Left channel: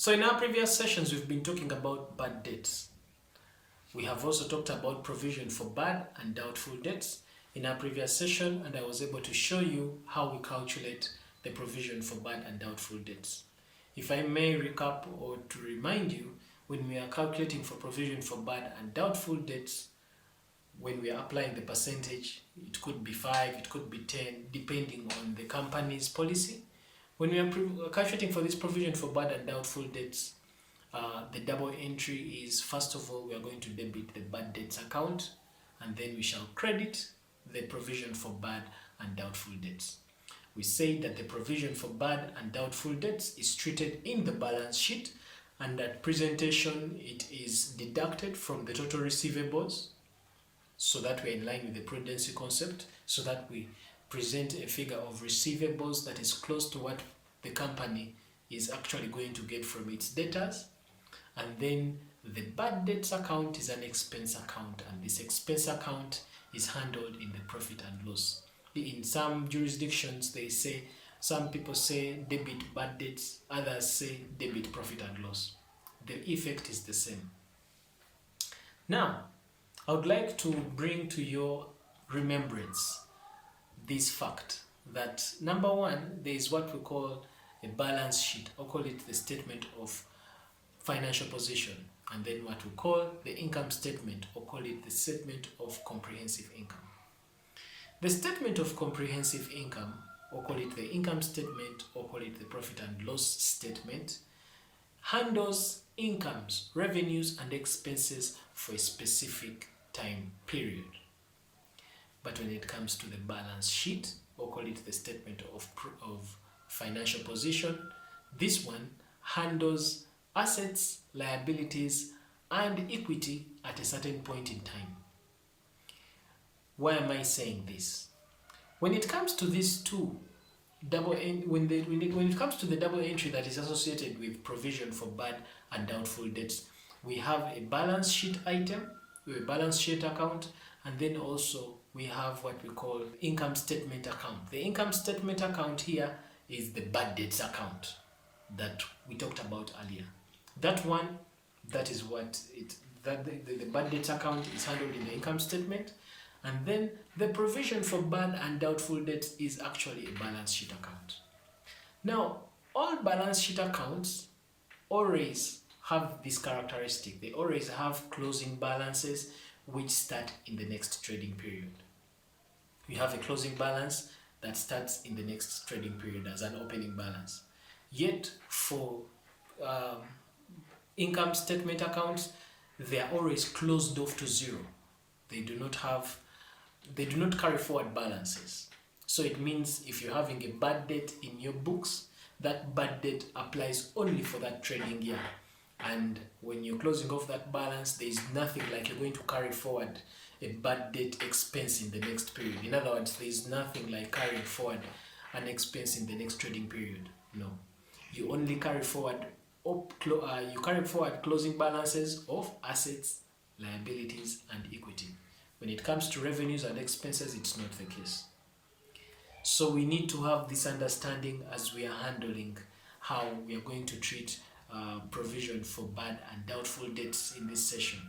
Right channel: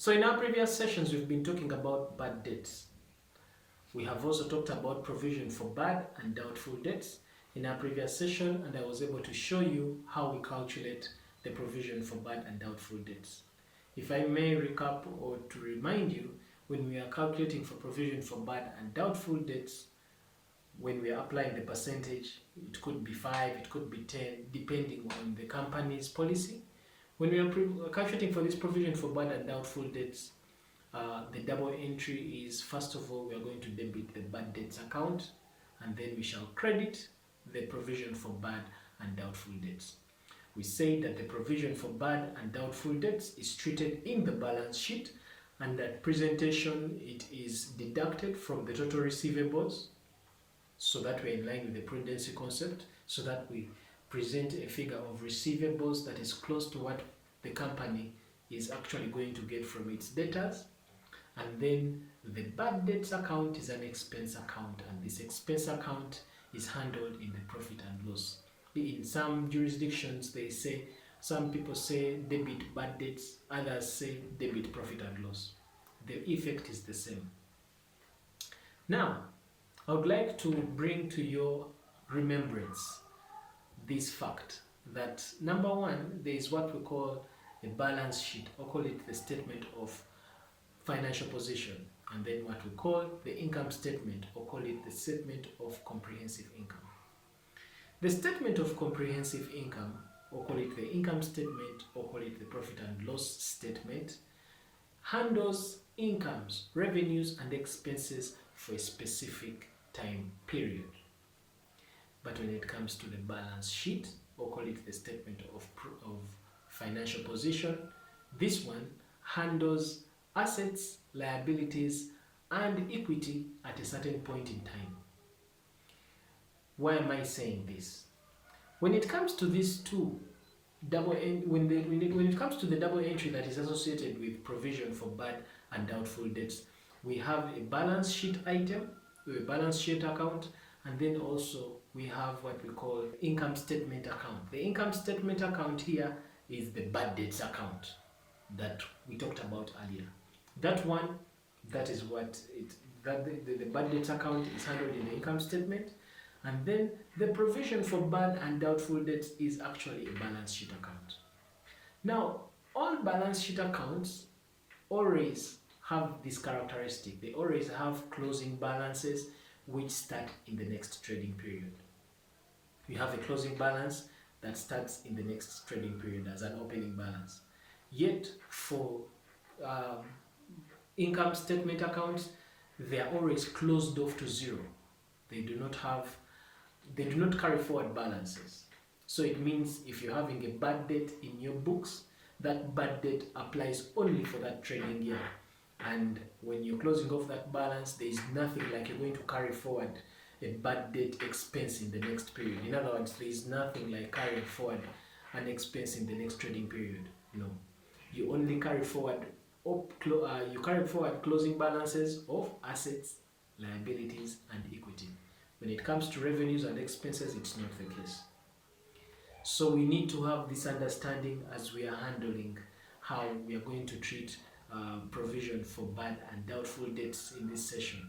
So in our previous sessions, we've been talking about bad debts. We have also talked about provision for bad and doubtful debts in our previous session, and I was able to show you how we calculate the provision for bad and doubtful debts. If I may recap or to remind you, when we are calculating for provision for bad and doubtful debts, when we are applying the percentage, it could be 5, it could be 10, depending on the company's policy. When we are calculating for this provision for bad and doubtful debts, the double entry is, first of all, we are going to debit the bad debts account, and then we shall credit the provision for bad and doubtful debts. We say that the provision for bad and doubtful debts is treated in the balance sheet, and at presentation it is deducted from the total receivables, so that we're in line with the prudence concept, so that we present a figure of receivables that is close to what the company is actually going to get from its debtors. And then the bad debts account is an expense account, and this expense account is handled in the profit and loss. In some jurisdictions, some people say debit bad debts, others say debit profit and loss. The effect is the same. Now, I would like to bring to your remembrance this fact that, number one, there is what we call a balance sheet, or call it the statement of financial position, and then what we call the income statement, or call it the statement of comprehensive income. The statement of comprehensive income, or call it the income statement, or call it the profit and loss statement, handles incomes, revenues, and expenses for a specific time period. But when it comes to the balance sheet, or call it the statement of financial position, this one handles assets, liabilities, and equity at a certain point in time. Why am I saying this? When it comes to these two, when it comes to the double entry that is associated with provision for bad and doubtful debts, we have a balance sheet item, a balance sheet account, and then also we have what we call income statement account. The income statement account here is the bad debts account that we talked about earlier. That one, that is what the bad debts account is handled in the income statement, and then the provision for bad and doubtful debts is actually a balance sheet account. Now, all balance sheet accounts always have this characteristic. They always have closing balances which start in the next trading period. You have a closing balance that starts in the next trading period as an opening balance. Yet for income statement accounts, they are always closed off to zero. They do not carry forward balances. So it means if you're having a bad debt in your books, that bad debt applies only for that trading year. And when you're closing off that balance, there is nothing like you're going to carry forward a bad debt expense in the next period. In other words, there is nothing like carrying forward an expense in the next trading period. No, you only carry forward closing balances of assets, liabilities, and equity. When it comes to revenues and expenses, it's not the case. So we need to have this understanding as we are handling how we are going to treat provision for bad and doubtful debts in this session.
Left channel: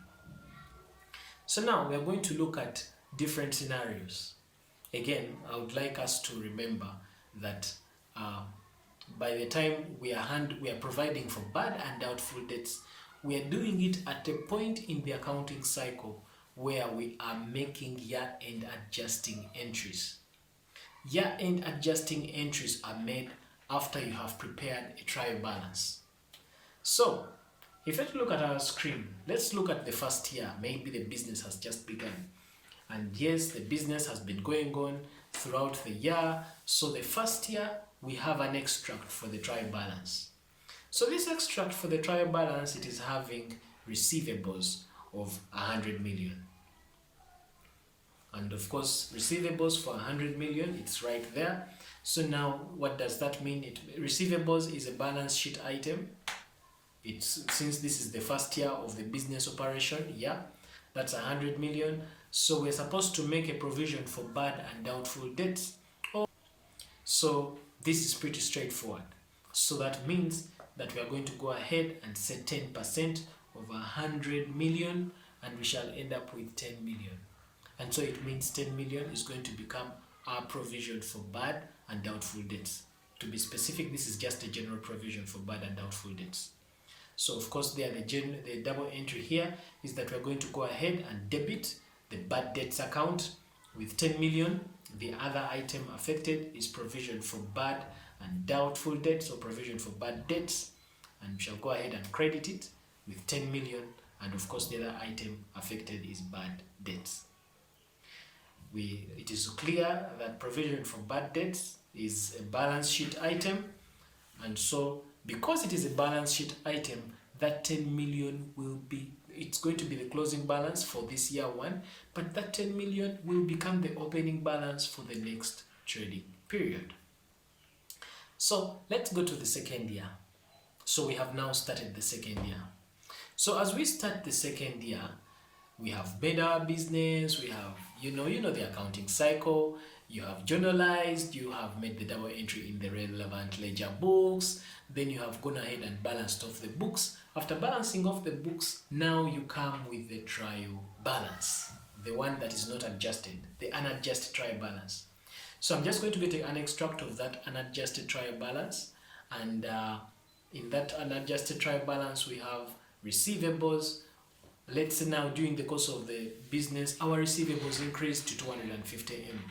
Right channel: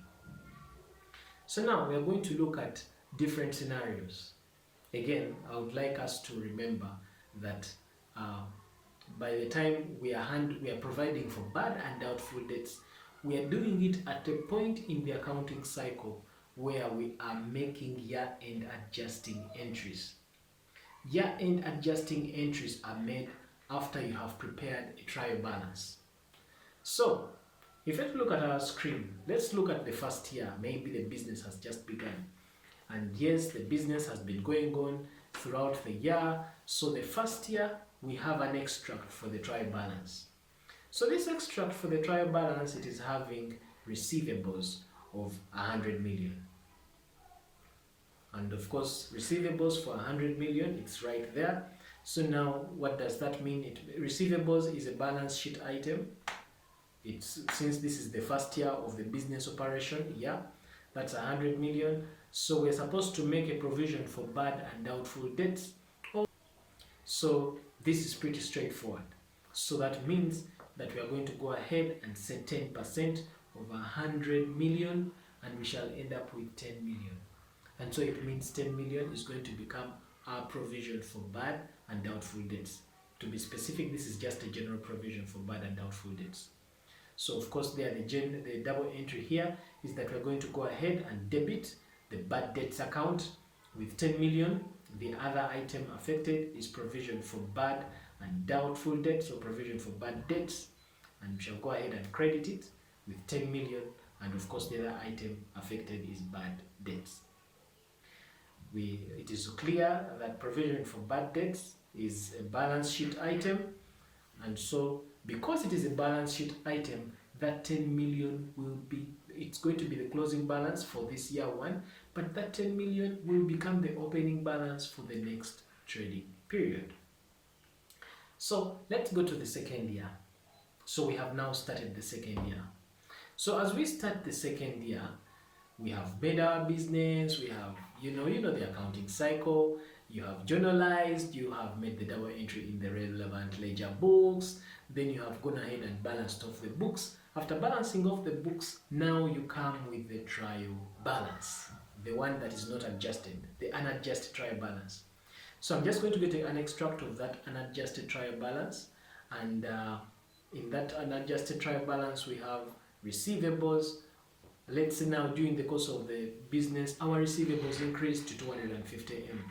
So now we are going to look at different scenarios. Again, I would like us to remember that by the time we are providing for bad and doubtful debts, we are doing it at a point in the accounting cycle where we are making year-end adjusting entries. Year-end adjusting entries are made after you have prepared a trial balance. So, if you look at our screen, let's look at the first year. Maybe the business has just begun. And yes, the business has been going on throughout the year. So the first year, we have an extract for the trial balance. So this extract for the trial balance, it is having receivables of 100 million. And of course, receivables for 100 million, it's right there. So now, what does that mean? Receivables is a balance sheet item. Since this is the first year of the business operation, yeah, that's 100 million. So we're supposed to make a provision for bad and doubtful debts. So this is pretty straightforward. So that means that we are going to go ahead and set 10% of 100 million, and we shall end up with 10 million. And so it means 10 million is going to become our provision for bad and doubtful debts. To be specific, this is just a general provision for bad and doubtful debts. So of course there the double entry here is that we're going to go ahead and debit the bad debts account with 10 million. The other item affected is provision for bad and doubtful debts, or provision for bad debts, and we shall go ahead and credit it with 10 million, and of course the other item affected is bad debts. It is clear that provision for bad debts is a balance sheet item, and so because it is a balance sheet item, that 10 million it's going to be the closing balance for this year one, but that 10 million will become the opening balance for the next trading period. So let's go to the second year. So we have now started the second year. So as we start the second year, we have made our business, we have, you know the accounting cycle, you have journalized, you have made the double entry in the relevant ledger books, then you have gone ahead and balanced off the books. After balancing off the books, now you come with the trial balance, the one that is not adjusted, the unadjusted trial balance. So I'm just going to get an extract of that unadjusted trial balance, and in that unadjusted trial balance we have receivables. Let's say now during the course of the business our receivables increased to 250 M.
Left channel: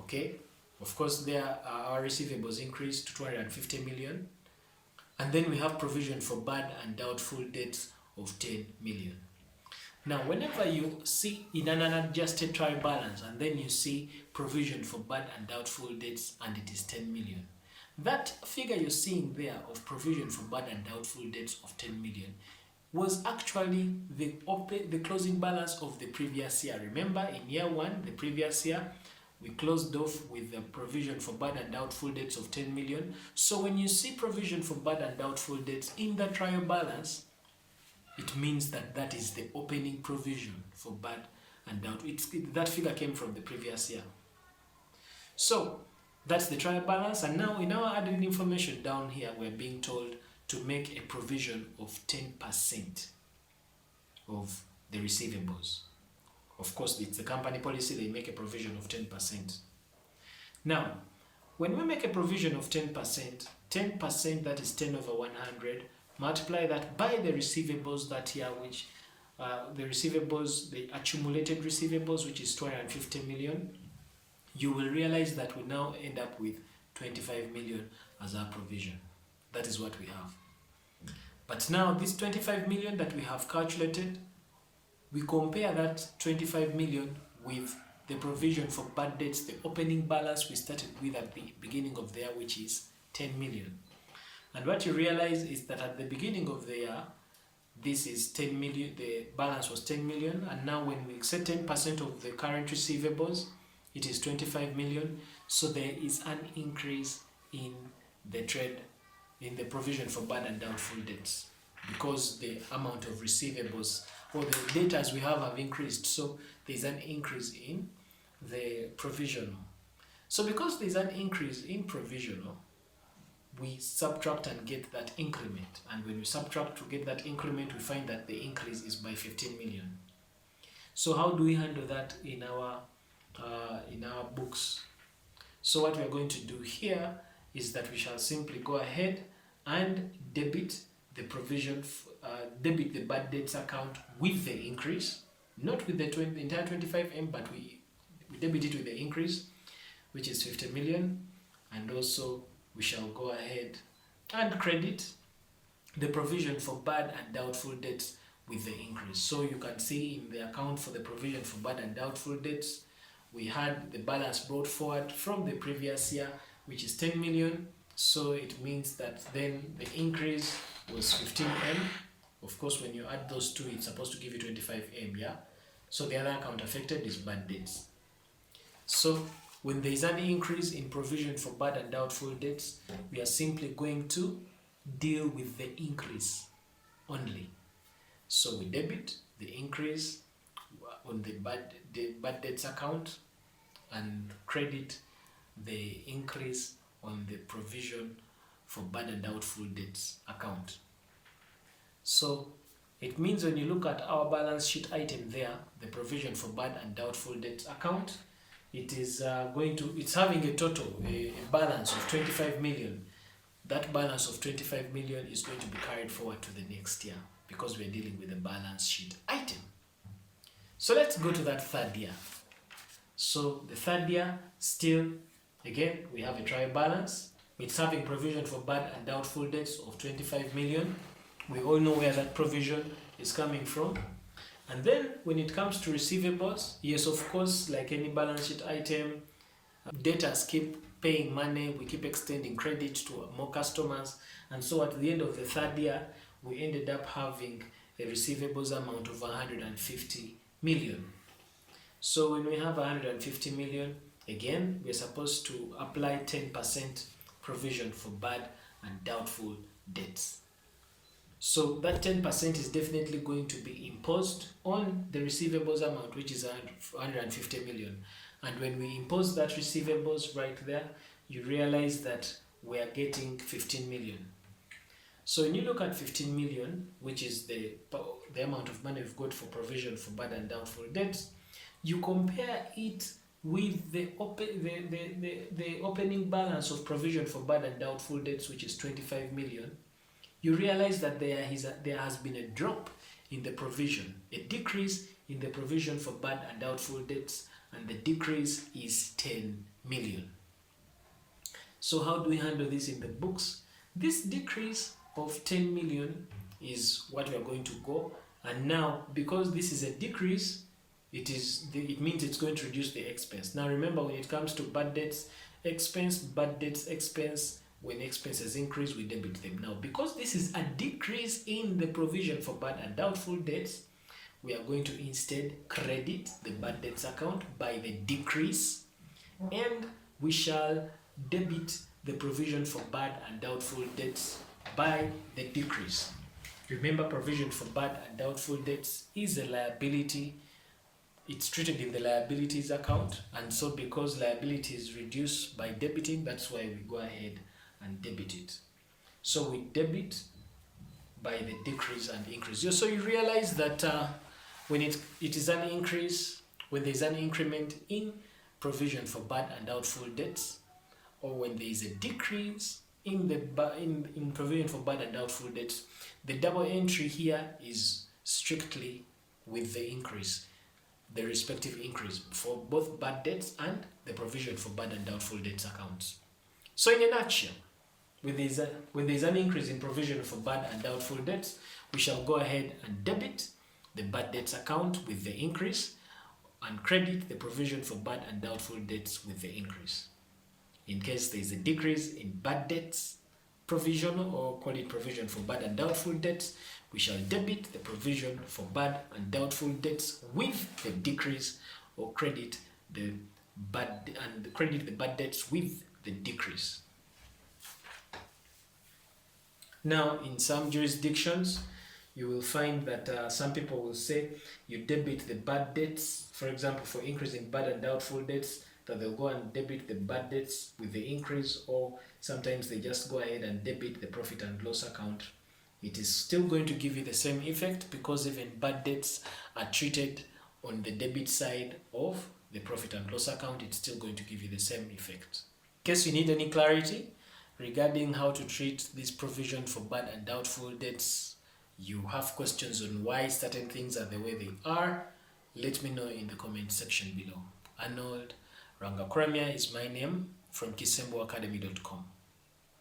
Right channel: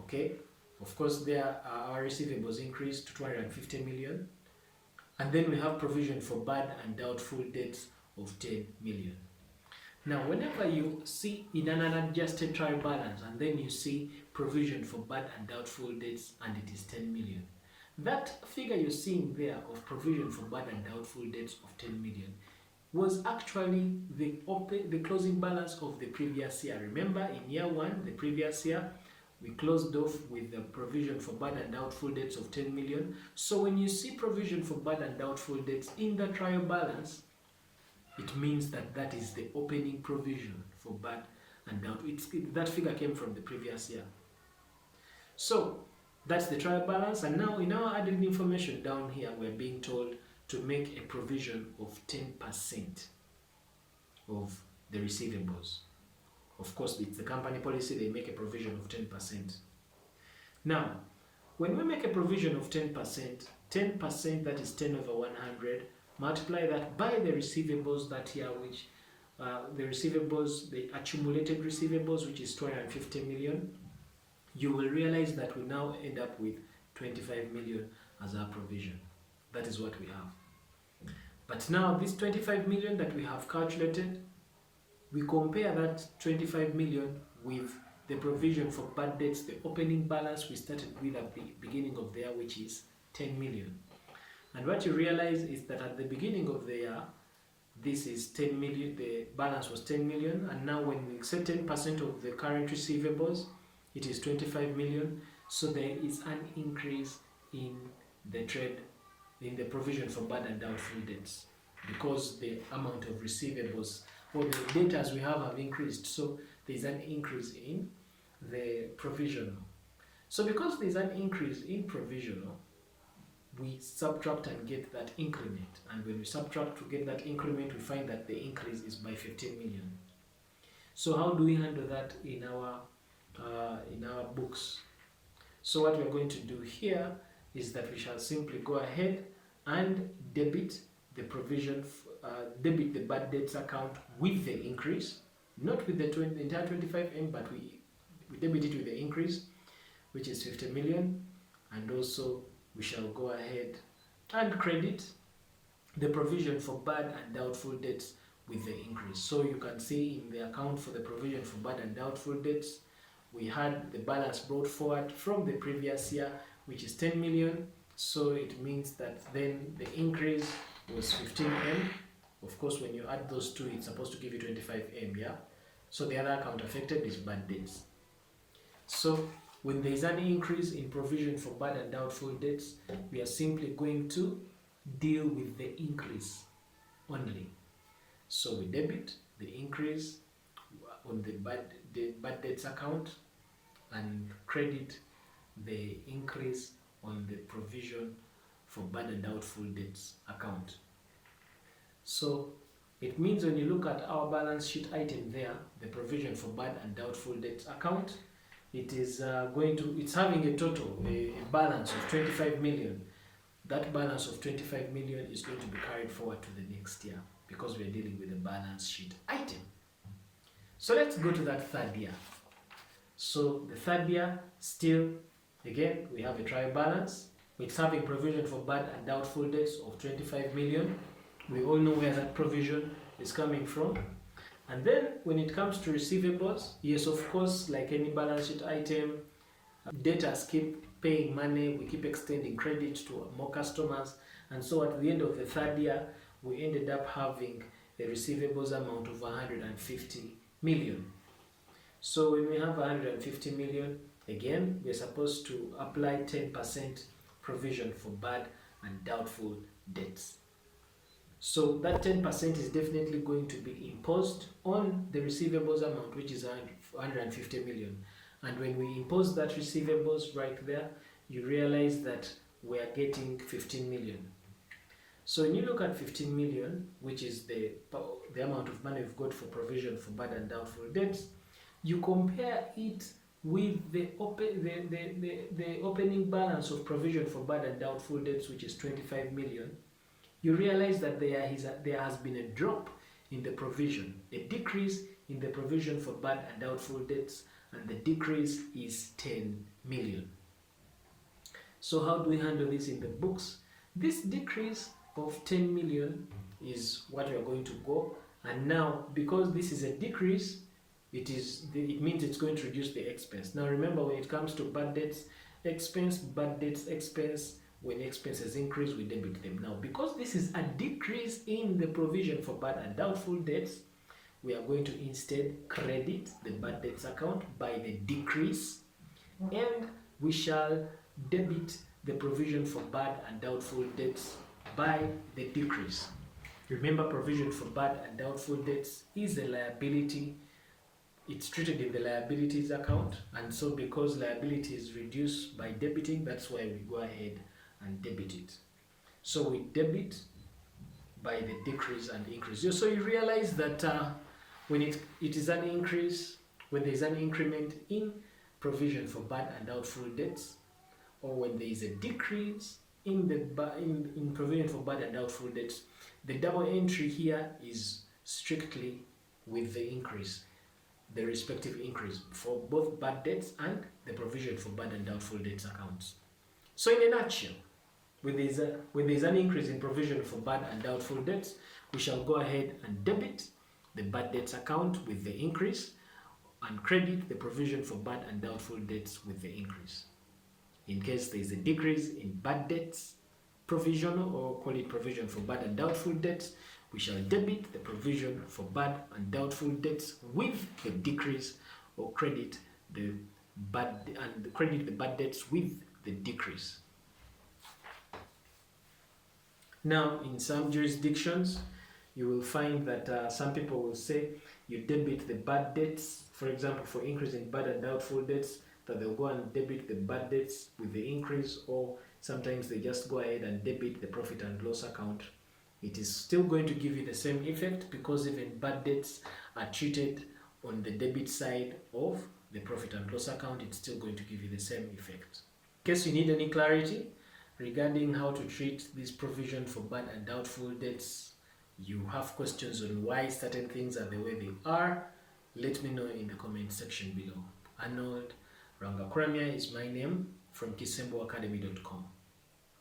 Okay, of course there our receivables increased to 250 million, and then we have provision for bad and doubtful debts of 10 million. Now whenever you see in an unadjusted trial balance and then you see provision for bad and doubtful debts and it is 10 million, that figure you're seeing there of provision for bad and doubtful debts of 10 million was actually the closing balance of the previous year. Remember, in year one, the previous year, we closed off with the provision for bad and doubtful debts of 10 million. So when you see provision for bad and doubtful debts in the trial balance, it means that that is the opening provision for bad and doubtful. That figure came from the previous year. So that's the trial balance, and now in our added information down here, we're being told to make a provision of 10% of the receivables. Of course, it's the company policy, they make a provision of 10%. Now, when we make a provision of 10%, that is 10 over 100, multiply that by the receivables that year, which the accumulated receivables, which is 250 million, you will realize that we now end up with 25 million as our provision. That is what we have. But now this 25 million that we have calculated, we compare that 25 million with the provision for bad debts, the opening balance we started with at the beginning of the year, which is 10 million. And what you realize is that at the beginning of the year, this is 10 million, the balance was 10 million, and now when we accept 10% of the current receivables, it is 25 million. So there is an increase in the trade, in the provision for bad and doubtful debts, because the amount of receivables or the debtors we have increased. So there's an increase in the provisional. So because there's an increase in provisional, we subtract and get that increment. And when we subtract to get that increment, we find that the increase is by 15 million. So how do we handle that in our books? So what we're going to do here is that we shall simply go ahead and debit the provision, debit the bad debts account with the increase, not with the entire 25M, but we debit it with the increase, which is 50 million, and also we shall go ahead and credit the provision for bad and doubtful debts with the increase. So you can see in the account for the provision for bad and doubtful debts, we had the balance brought forward from the previous year, which is 10 million. So it means that then the increase was 15M. Of course, when you add those two, it's supposed to give you 25M, yeah? So the other account affected is bad debts. So when there is an increase in provision for bad and doubtful debts, we are simply going to deal with the increase only. So we debit the increase on the bad debts account and credit the increase on the provision for bad and doubtful debts account. So it means when you look at our balance sheet item there, the provision for bad and doubtful debts account, it is it's having a total, a balance of 25 million. That balance of 25 million is going to be carried forward to the next year because we're dealing with a balance sheet item. So let's go to that third year. So the third year, still, again, we have a trial balance. It's having provision for bad and doubtful debts of 25 million. We all know where that provision is coming from. And then when it comes to receivables, yes, of course, like any balance sheet item, debtors keep paying money, we keep extending credit to more customers. And so at the end of the third year, we ended up having a receivables amount of 150 million. So when we have 150 million, again, we're supposed to apply 10% provision for bad and doubtful debts. So that 10% is definitely going to be imposed on the receivables amount, which is 150 million. And when we impose that receivables right there, you realize that we are getting 15 million. So when you look at 15 million, which is the amount of money we've got for provision for bad and doubtful debts, you compare it with the opening balance of provision for bad and doubtful debts, which is 25 million, you realize that there has been a drop in the provision, a decrease in the provision for bad and doubtful debts, and the decrease is 10 million. So how do we handle this in the books? This decrease of 10 million is what we are going to go, and now because this is a decrease, it means it's going to reduce the expense. Now remember, when it comes to bad debts expense, when expenses increase, we debit them. Now because this is a decrease in the provision for bad and doubtful debts, we are going to instead credit the bad debts account by the decrease, and we shall debit the provision for bad and doubtful debts by the decrease. Remember, provision for bad and doubtful debts is a liability. It's treated in the liabilities account, and so because liability is reduced by debiting, that's why we go ahead and debit it. So we debit by the decrease and increase. So you realize that when it is an increase, when there is an increment in provision for bad and doubtful debts, or when there is a decrease in provision for bad and doubtful debts, the double entry here is strictly with the increase, the respective increase for both bad debts and the provision for bad and doubtful debts accounts. So in a nutshell, when there is an increase in provision for bad and doubtful debts, we shall go ahead and debit the bad debts account with the increase and credit the provision for bad and doubtful debts with the increase. In case there is a decrease in bad debts provision, or call it provision for bad and doubtful debts, we shall debit the provision for bad and doubtful debts with the decrease, or credit the bad debts with the decrease. Now, in some jurisdictions, you will find that some people will say you debit the bad debts, for example, for increase in bad and doubtful debts, that they'll go and debit the bad debts with the increase, or sometimes they just go ahead and debit the profit and loss account. It is still going to give you the same effect, because even bad debts are treated on the debit side of the profit and loss account. It's still going to give you the same effect. In case you need any clarity regarding how to treat this provision for bad and doubtful debts, you have questions on why certain things are the way they are, let me know in the comment section below. Arnold Rangakramya is my name, from kisemboacademy.com.